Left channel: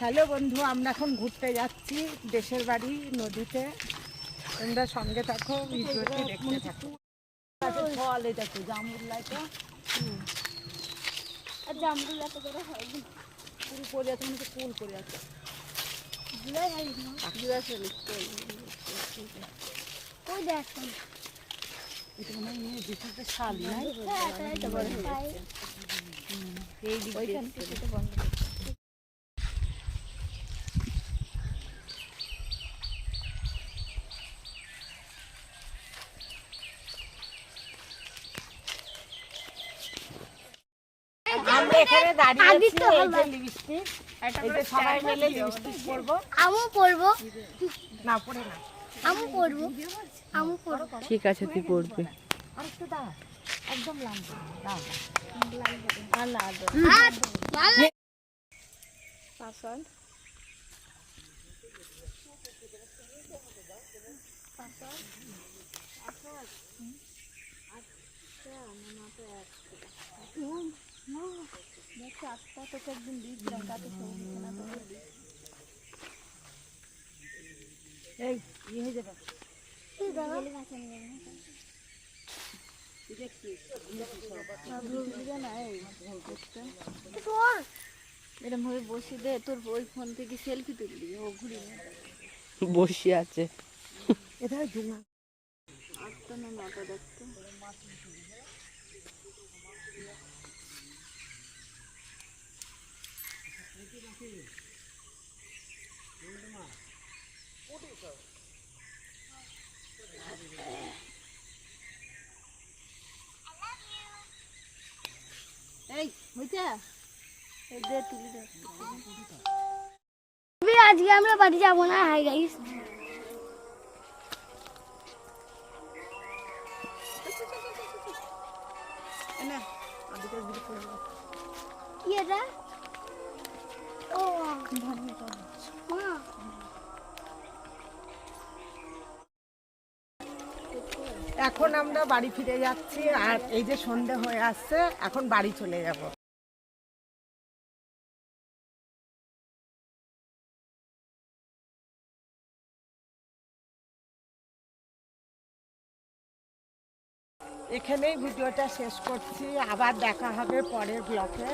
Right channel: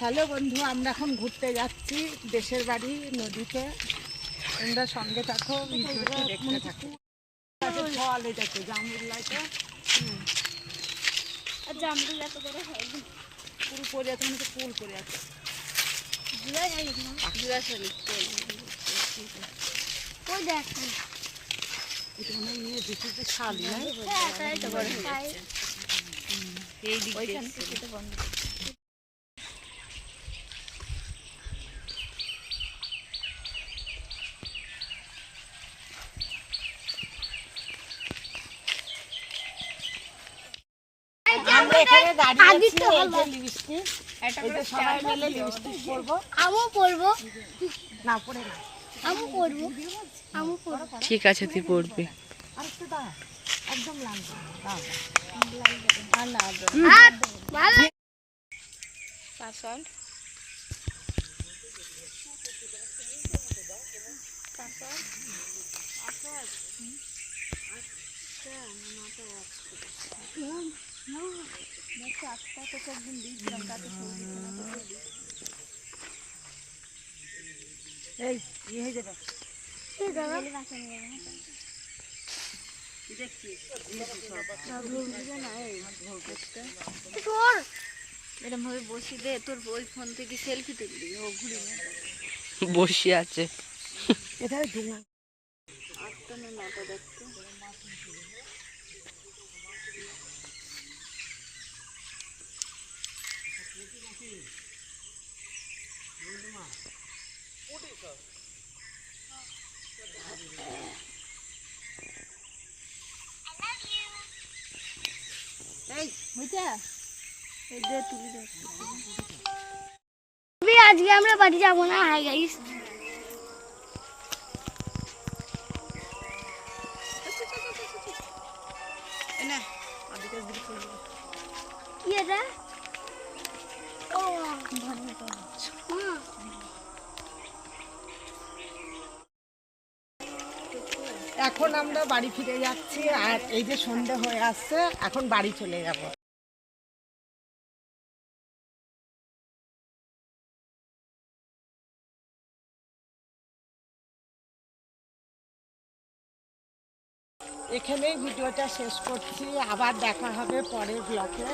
Hello বন্ধু আমরা এখন ঘুরতে যাচ্ছি দেশের বাড়ি নদীতে। তোমরা সঙ্গে থাকো ভিডিওটি দেখতে থাকো। ফল এটা কি আর জামরুল এত বড় হয়নি। পুরো পড়ে আছে মানে কুল আছে। কই এটা শালি হ্যাঁ এই দিক ওইখান থেকে তো বন্ধ আমরা এখানে দাঁড়িয়ে আছি এই যে লিপস্টিক এই সবাই মিলে লিপস্টিক পরবো আমু পড়ব না পরে না আমু পড়ব আমু পড়ব ঠিক আছে তুই পড়বি আর একটু দাও একদম লাল দাও। আর না ভালো এই ইয়ে হয়ে যাবে এরকম ভাবে বসি দে তোর ওই ফোন থেকে সেলফি তুলবি ও ঘুরে বসে আছে। এটা এই দে তুলি দে আজকে আমরা বাড়ি যাব না হাই গাইস কি এটা ও ধন্যবাদ হুম এখন আমরা বাড়ি ফিরে যাচ্ছি, আর এই যে সন্ধে হয়ে আসছে, এখন বাড়ি চলে যাব। এখানেই ভিডিওটা শেষ করছি, আবার দেখা হবে পরের ব্লকে